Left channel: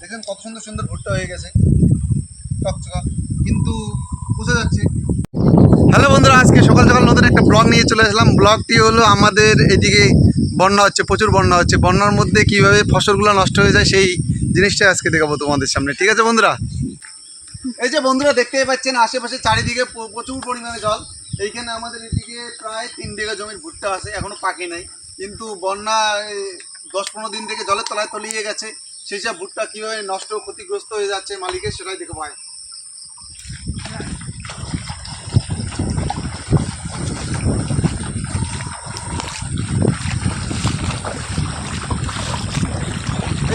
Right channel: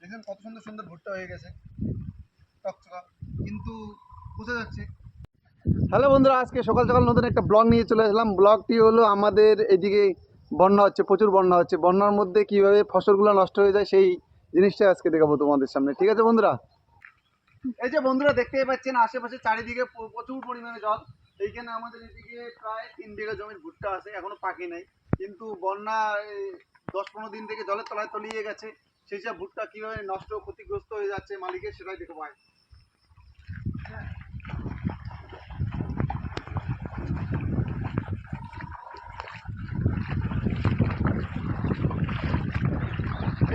দেখেন কত সুন্দর সুন্দর ভুট্টা হয়ে গেছে। চকচকা কিন্তু বোঝা যাচ্ছে। হ্যালো বন্ধুরা, আজকে সকাল সকাল নতুন একটা ব্লগ নিয়ে চলে আসলাম। ব্লগটি হলো আমাদের এদিকে বন্যা হচ্ছে, প্রচুর বন্যা হচ্ছে। বন্যার মধ্যে কীভাবে ফসলগুলো নষ্ট হয়ে যায় সেই জিনিসটা আজকে দেখাবো তোমাদের সামনে। ঠিক আছে বন্ধুরা? এই যে বন্ধুরা, দেখতেই পাচ্ছেন আশেপাশে চারিদিকে প্রচুর পরিমাণে জল। এইখানে আমাদের এদিকে প্রায় তিন বিঘা জমির ভুট্টা আছে, এখনও পাকে নাই। কিন্তু বন্যা দশ পনেরো দিন থেকে জলের তলায় তলিয়ে গেছে। সেই সব ভুট্টা কীভাবে নষ্ট, ক্ষতিগ্রস্ত হয়ে যাচ্ছে মালিকের সেটাই দেখে পায়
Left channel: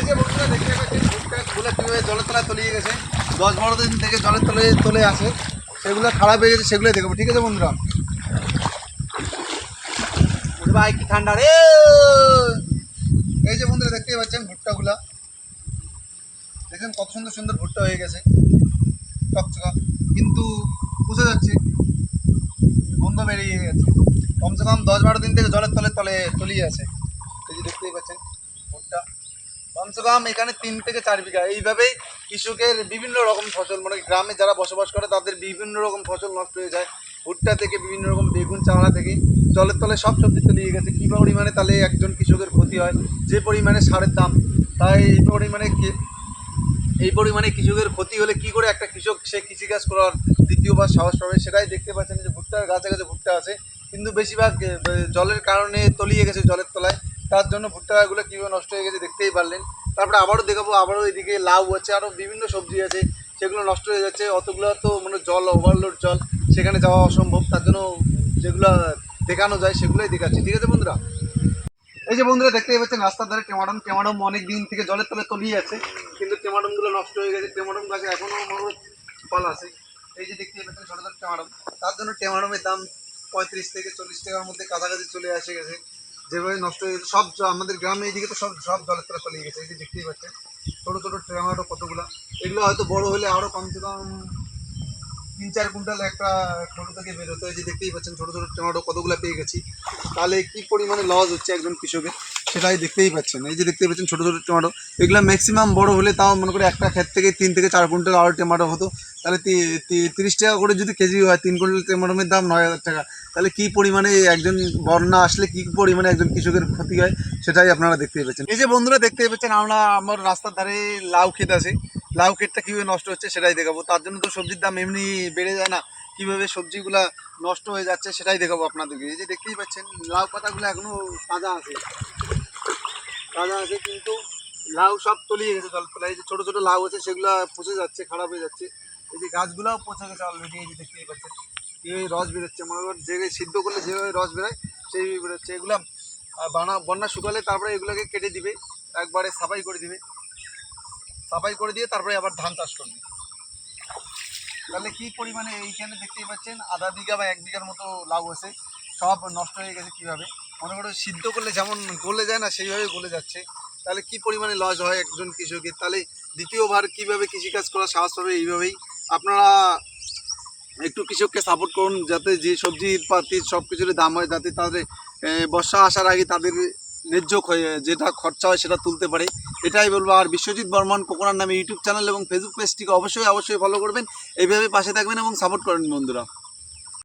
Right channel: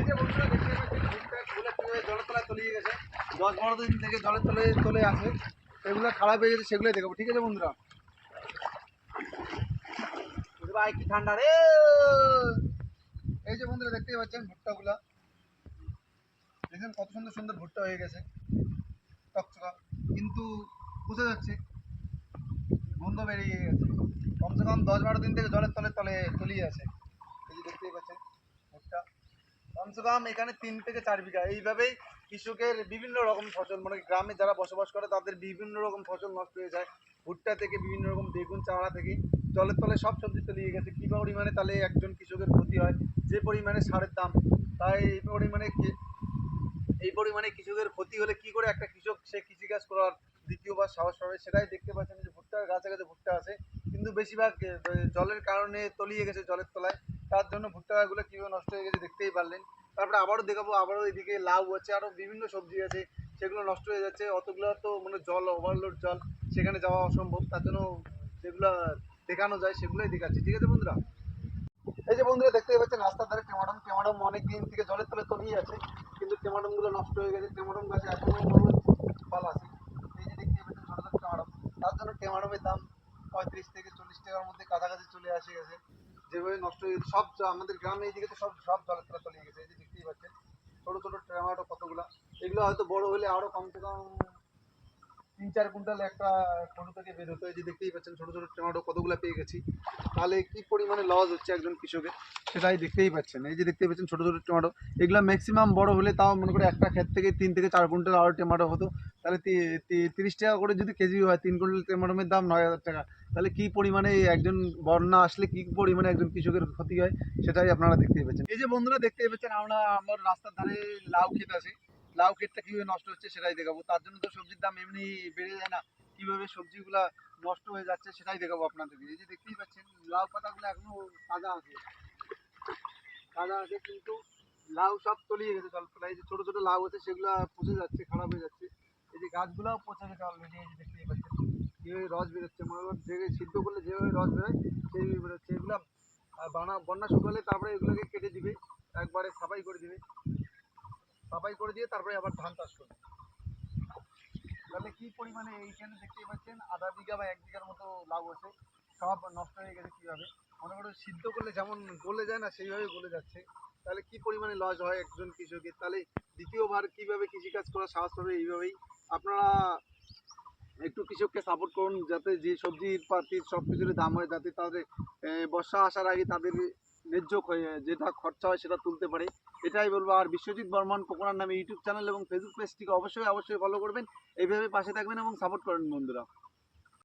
যে বন্ধুরা, দেখতে ভুট্টাগুলো কীভাবে জলের তলায় তলিয়ে গেছে। দশ বারো দিন থেকে জলের তলে তলে আসে সেগুলো খারাপ হয়ে গেছে, সেগুলোই দেখব ঠিক আছে বন্ধুরা? ভাই, কি ঠান্ডা রে! এই যে বন্ধুরা, দেখতেই পাচ্ছেন ভুট্টাগুলা দেখেন কত সুন্দর সুন্দর ভুট্টা হয়ে গেছে। চকচকা। কিন্তু বোঝা যাচ্ছে, গন্ধ বেরিয়ে গেছে। কমসে কম দশ বারো দিন থেকে জলের তলে তলে তলিয়ে আছে। এই যে দেখতেই পাচ্ছেন ভুট্টা। কমসে কম এখানে তিন থেকে চার বিঘা। এইভাবেই কৃষকের বিভিন্ন রকম ফসল মানে গ্রামে যারা বসবাস করে, তাদের বিভিন্ন রকম ফসল নষ্ট হয়ে যায়। ভুট্টা থেকে বিভিন্ন রকম বেগুন চাওড়া থেকে জলের তলে সব সবজি তলিয়ে গেছে। কী পরিমাণে তাহলে একজন কৃষকের ক্ষতি হয়? যে পরিমাণে সারের দাম, তাই এই পরিমাণে এই পরিমাণে কৃষকের ক্ষতি হলে কি করে একটা কৃষক সে কৃষিকাজ করার দ্বিতীয়বার সাহস পাবে? সেটাই দেখতে পাচ্ছেন যে ভুট্টার গাছে গাছে ভুট্টা আছে। কিন্তু বেশিরভাগ জলের কারণে তলিয়ে গেছে জলের তলায়। তার জন্য ভুট্টাগুলো কীভাবে নষ্ট হয়ে গেছে দেখতেই পারলেন। তারপরে আবারও দেখাবো, আবারও এদিকে লাউ আছে, আরও বিভিন্ন সবজি আছে। সেগুলো নষ্ট হয়ে যাচ্ছে। অতগুলো তো মানে জল ওভারলোড জল, সেখানে যাওয়া অসম্ভব। তার জন্য যেগুলো দেখানো যায়, সেগুলোই দেখাচ্ছি। ঠিক আছে বন্ধুরা? এই যে বন্ধুরা, দেখতেই পাচ্ছেন রাস্তার ধারে টেমাডম। টেমাডম অনেক দিন থেকে জলের তলে তলিয়ে আছে। কিন্তু টেমাডমগুলো নষ্ট হয়ে গেছে, টেমাডম গাছে এখনও মনে ফল আছে। এই যে দেখতেই পাচ্ছেন, ছোটো ছোটো টেমাডম। তার জন্য টেমাডমের দাম পঁয়ত্রিশ থেকে চল্লিশ টাকার মধ্যে কাছাকাছি চলে আসে গেছে। যেভাবে নষ্ট হয়ে গেছে, সব আমাদের গ্রামে এইদিকে তো সব সব জলের তলে তলিয়ে গেছে। এই যে দেখতেই পাচ্ছেন, ছোটো ছোটো টমেটো কতগুলো। এগুলো হয়তো বড় হলে আরও কমসে কম তিন চার কুইন্টাল একটা ছোটো থেকে বেরোতে হয়। যে দেখতেই পাচ্ছেন, ছোটো ছোটো টমেটো কতগুলো পেয়ে গেছি। তাহলে কী পরিমাণে লস হচ্ছে একজন কৃষকের? সেটাই দেখতেই পাচ্ছেন। এই যে দেখতেই পাচ্ছেন ছোটো ছোটো টমেটো এগুলো ম্যাক্সিমাম বড় হলে তাও মনে করে একটা ক্ষেত থেকে তিন থেকে চার কুইন্টাল আরও টমেটো হতো। তাহলে তিরিশ টাকা করে যদি কেজি হয়, তিন কুইন্টাল টমেটোমের দাম নয় হাজার টাকা। তাহলে কি পরিমাণে একজন বন্যা আসলে কি পরিমাণে একজন কৃষকের ক্ষতি হয়, সেটাই আপনারা দেখতেই পাচ্ছেন। এই যে বন্ধুরা দেখতেই পাচ্ছেন, আমরা, আমার রাস্তার ধারে লাউ ক্ষেত আছে। লাউ ক্ষেতটা কীভাবে নষ্ট হচ্ছে সেটাই দেখাবো। তার জন্য তো সবজির দাম এমনি বেড়ে যায় না। কীভাবে সবজিগুলা নষ্ট হয়ে যাচ্ছে সেটাই দেখাবো আপনাদেরকে। এই যে দেখতেই পাচ্ছেন, লাউ পাতাগুলো এখনও তাজা আছে। তাজা আছে কিন্তু লাউ সব তলিয়ে গেছে জল এই যে ছোটো ছোটো লাউ আছে, সেগুলো পচে যাচ্ছে, খারাপ হয়ে যাচ্ছে। এই যে গাছগুলোও পচে গেছে অলরেডি এই যে দেখতেই পাচ্ছেন। কীভাবে রস বেরোচ্ছে, মনে করেন যে সিদ্ধ করলে যেভাবে রস বেরোয় সেই বেরোচ্ছে। এগুলো বানা, বন্যা শুকালে তারপরে এগুলোকে কেটে দিবে, একবারে সাফাই করে দিবে। সাফাই করে দিয়ে তারপরে আবার ধান চাষ করবে। তাহলে কী পরিমাণে এইখানে দেখতেই পাচ্ছেন, আধা বিঘা বা এক বিঘার মতো লাউ আছে। সব নষ্ট হয়ে গেছে কীভাবে? মনে করো সিদ্ধ করলে যেমন গলে যায় না, সেইভাবে গলে যাচ্ছে। তাহলে কি পরিমাণে লস হয় একজন কৃষকের? তাহলে দ্বিতীয়বার কীভাবে কৃষিকাজ করা সাহস পাবে এইভাবেই? আপনারা একটু কৃষককে সাপোর্ট করুন, যাতে যে সবজি পাতির সব কিছুর দাম হয় যাতে তাদের বর্ষা আসার আগে তাদের ন্যায্য যেটা খরচা হয় সেটা তুলতে পারে। এটাই বলব। আর বিশ্বজিৎ বর্মন কোকোনার নামে ইউটিউব চ্যানেল এবং ফেসবুক পেজটিকে অবশ্যই অবশ্যই ফলো করবেন। এইভাবে পাশে থাকবেন এবং সাপোর্ট করেন বন্ধুরা।